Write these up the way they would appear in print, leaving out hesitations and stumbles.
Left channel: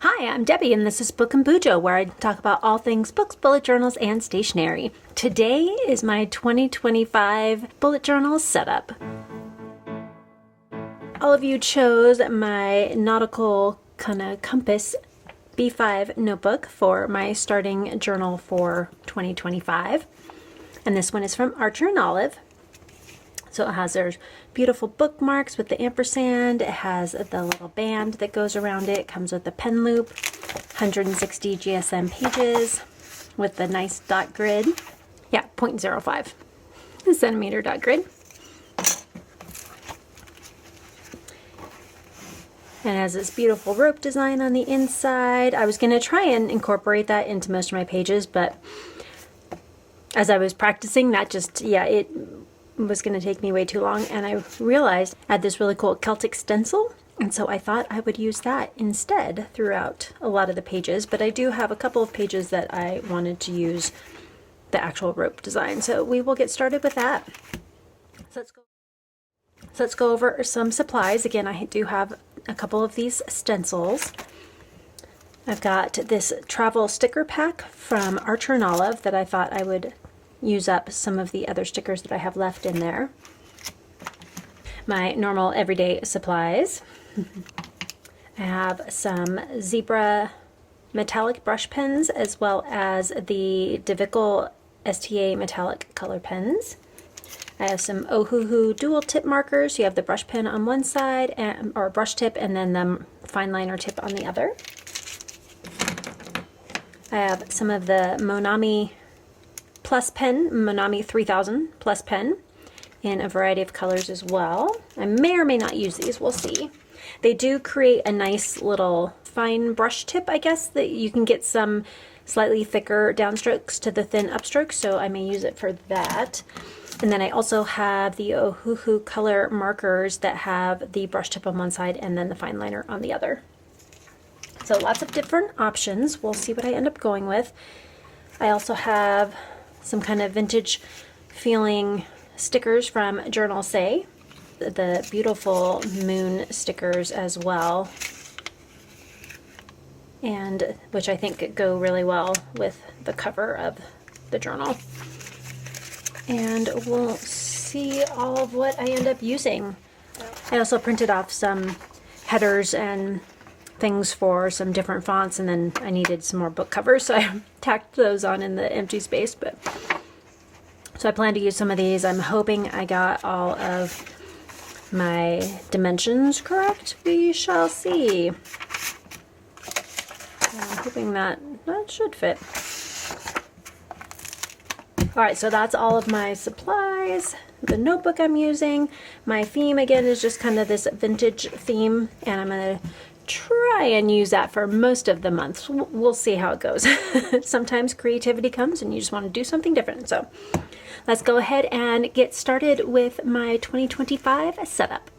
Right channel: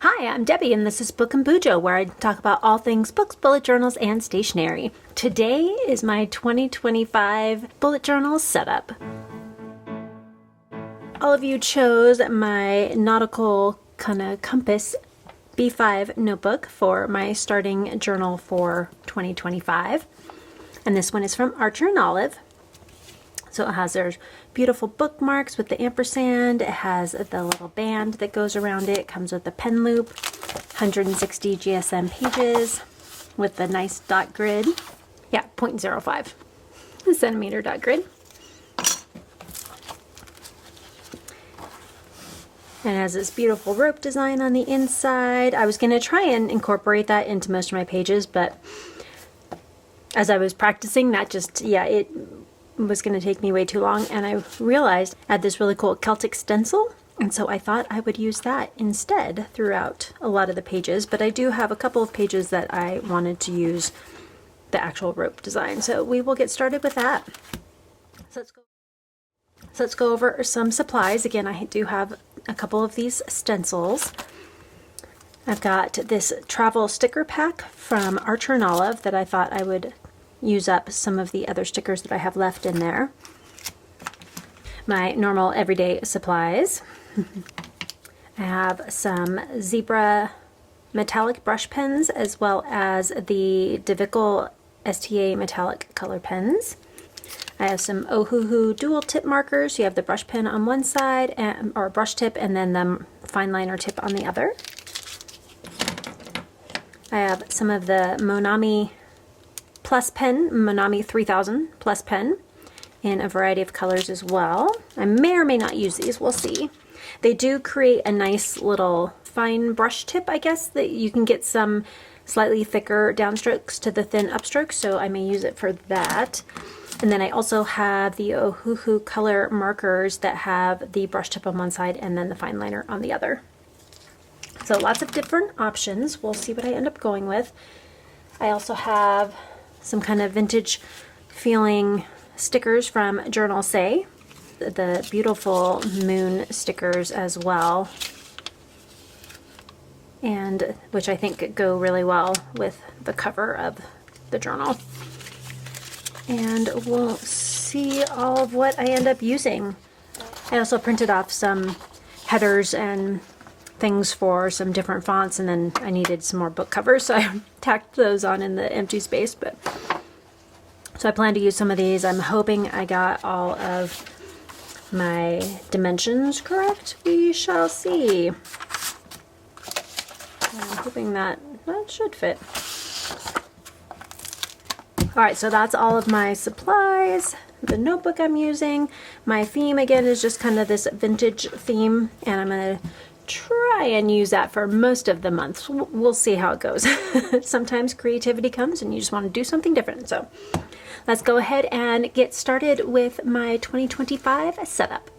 Hi, I'm Debbie, and this is Book and Bujo, where I talk about all things books, bullet journals, and stationery. Today is my 2025 bullet journal setup. All of you chose my nautical kind of compass B5 notebook for my starting journal for 2025. And this one is from Archer and Olive. So it has their beautiful bookmarks with the ampersand. It has the little band that goes around it. It comes with a pen loop, 160 GSM pages with the nice dot grid. Yeah, 0.05 centimeter dot grid. And it has this beautiful rope design on the inside. I was going to try and incorporate that into most of my pages, but as I was practicing, that just, it was going to take me way too long, and I realized I had this really cool Celtic stencil, and so I thought I would use that instead throughout a lot of the pages, but I do have a couple of pages that I wanted to use the actual rope design, so we will get started with that. So let's go over some supplies. Again, I do have a couple of these stencils. I've got this travel sticker pack from Archer and Olive that I thought I would use up some of the other stickers that I have left in there. My normal everyday supplies. I have some zebra metallic brush pens as well as the DeVickle STA metallic color pens. I have some Ohuhu dual tip markers. You have the brush pen on one side, or brush tip, and then the fine liner tip on the other. I have some of the Monami Plus pen, Monami 3000 Plus pen, in a variety of colors as well. I may or may not use these, we'll see. They do create a nice little fine brush tip, I guess, that you can get some slightly thicker downstrokes to the thin upstrokes, so I may use it for that. And then I also have the Ohuhu color markers that have the brush tip on one side and then the fine liner on the other. So lots of different options. We'll see what I end up going with. I also have some kind of vintage feeling stickers from Journal Say. The beautiful moon stickers as well. And which I think go really well with the cover of the journal. And we'll see all of what I end up using. I also printed off some headers and things for some different fonts, and then I needed some more book covers, so I tacked those on in the empty space. But so I plan to use some of these. I'm hoping I got all of my dimensions correct. We shall see. I'm hoping that should fit. Alright, so that's all of my supplies, the notebook I'm using. My theme, again, is just kind of this vintage theme, and I'm going to try and use that for most of the month. We'll see how it goes. Sometimes creativity comes and you just want to do something different. So let's go ahead and get started with my 2025 setup.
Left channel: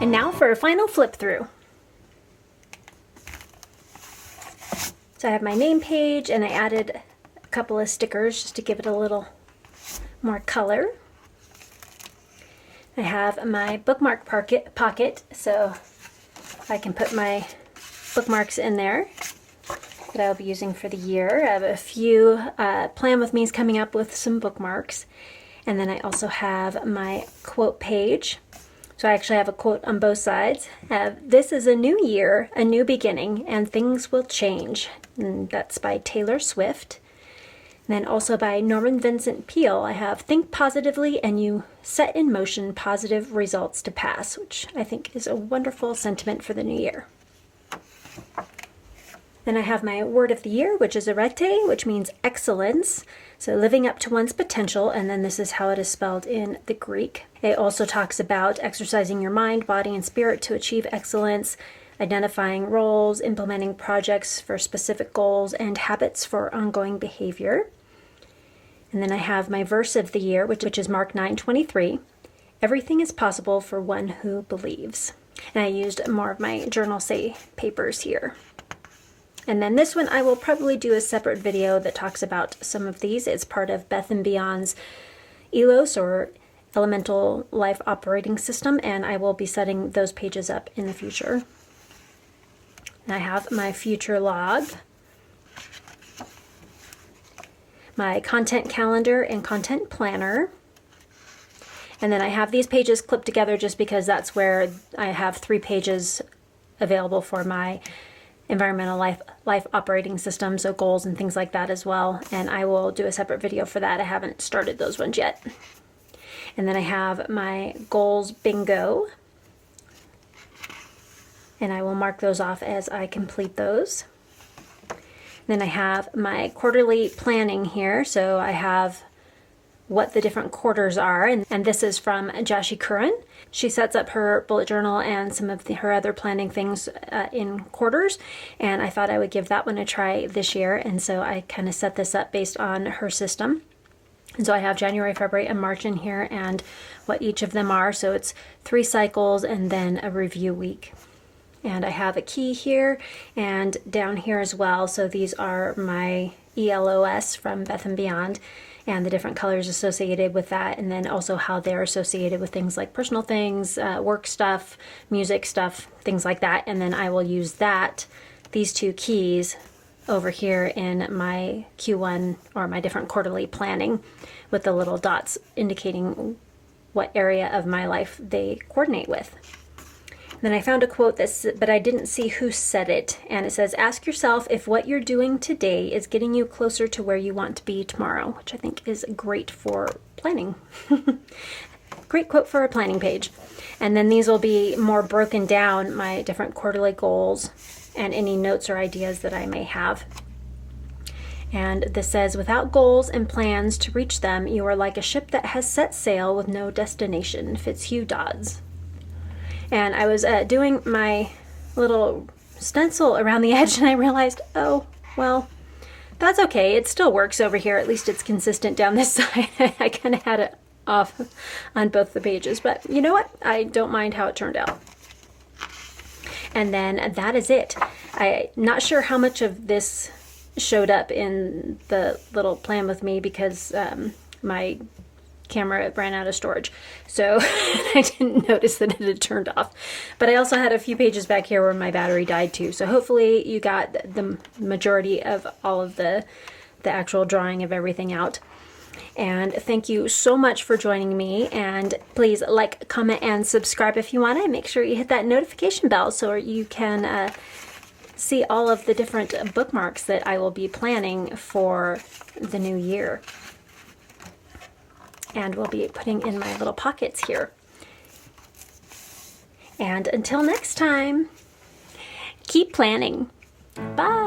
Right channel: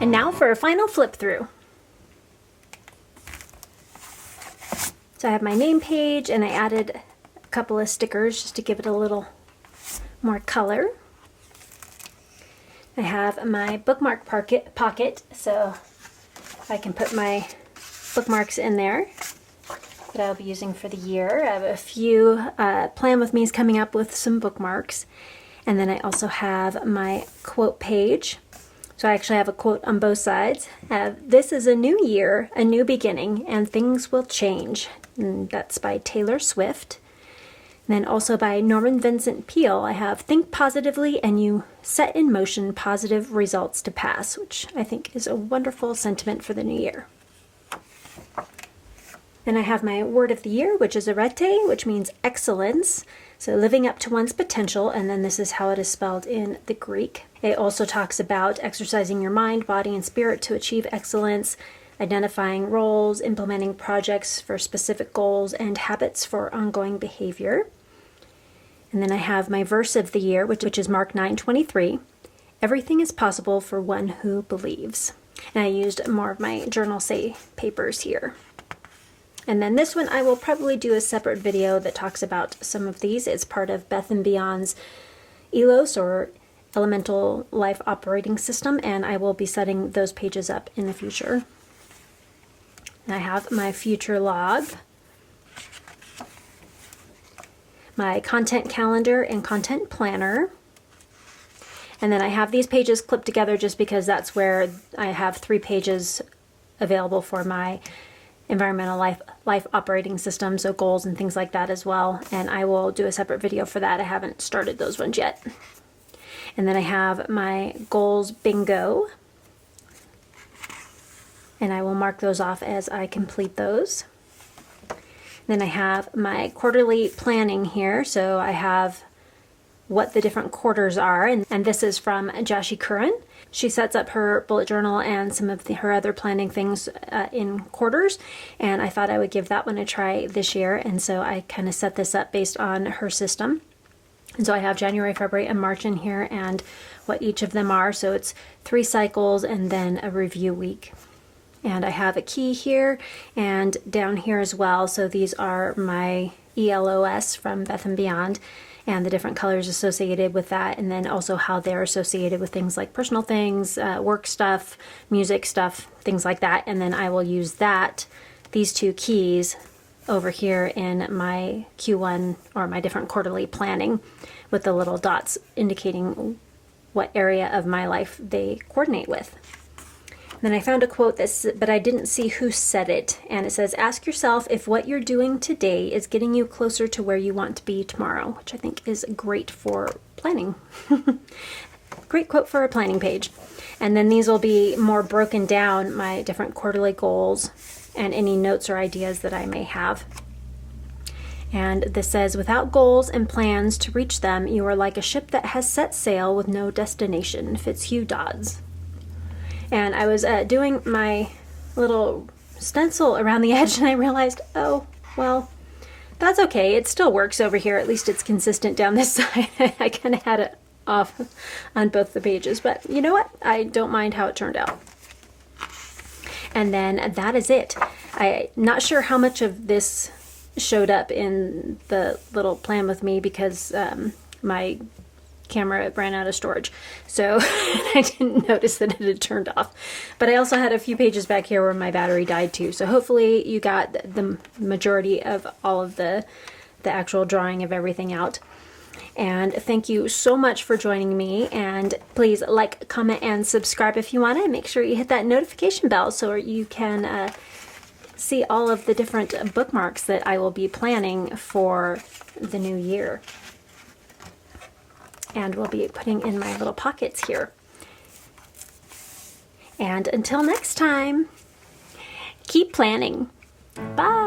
And now for a final flip through. So I have my name page, and I added a couple of stickers just to give it a little more color. I have my bookmark pocket, so I can put my bookmarks in there that I'll be using for the year. I have a few Plan With Me's coming up with some bookmarks. And then I also have my quote page. So I actually have a quote on both sides. This is a new year, a new beginning, and things will change. And that's by Taylor Swift. And then also by Norman Vincent Peale, I have think positively and you set in motion positive results to pass, which I think is a wonderful sentiment for the new year. Then I have my word of the year, which is arete, which means excellence. So living up to one's potential, and then this is how it is spelled in the Greek. It also talks about exercising your mind, body, and spirit to achieve excellence, identifying roles, implementing projects for specific goals, and habits for ongoing behavior. And then I have my verse of the year, which is Mark 9:23. Everything is possible for one who believes. And I used more of my Journal Say papers here. And then this one I will probably do a separate video that talks about some of these. It's part of Beth and Beyond's ELOS, or Elemental Life Operating System, and I will be setting those pages up in the future. And I have my future log, my content calendar and content planner. And then I have these pages clipped together just because that's where I have 3 pages available for my environmental life operating system, so goals and things like that as well. And I will do a separate video for that. I haven't started those ones yet. And then I have my goals bingo, and I will mark those off as I complete those. Then I have my quarterly planning here. So I have what the different quarters are, and this is from Jashi Curran. She sets up her bullet journal and some of her other planning things in quarters, and I thought I would give that one a try this year, and so I kind of set this up based on her system. And so I have January, February, and March in here, and what each of them are. So it's 3 cycles and then a review week. And I have a key here and down here as well. So these are my ELOS from Beth and Beyond, and the different colors associated with that, and then also how they're associated with things like personal things, work stuff, music stuff, things like that. And then I will use these 2 keys over here in my Q1, or my different quarterly planning, with the little dots indicating what area of my life they coordinate with. Then I found a quote but I didn't see who said it, and it says, ask yourself if what you're doing today is getting you closer to where you want to be tomorrow, which I think is great for planning. Great quote for a planning page. And then these will be more broken down, my different quarterly goals and any notes or ideas that I may have. And this says, without goals and plans to reach them, you are like a ship that has set sail with no destination. Fitzhugh Dodds. And I was doing my little stencil around the edge, and I realized, oh, well, that's okay. It still works over here. At least it's consistent down this side. I kind of had it off on both the pages, but you know what? I don't mind how it turned out. And then that is it. I'm not sure how much of this showed up in the little Plan With Me because my camera ran out of storage, so I didn't notice that it had turned off. But I also had a few pages back here where my battery died too, so hopefully you got the majority of all of the actual drawing of everything out. And thank you so much for joining me, and please like, comment, and subscribe if you want, and make sure you hit that notification bell so you can see all of the different bookmarks that I will be planning for the new year. And we'll be putting in my little pockets here. And until next time, keep planning. Bye.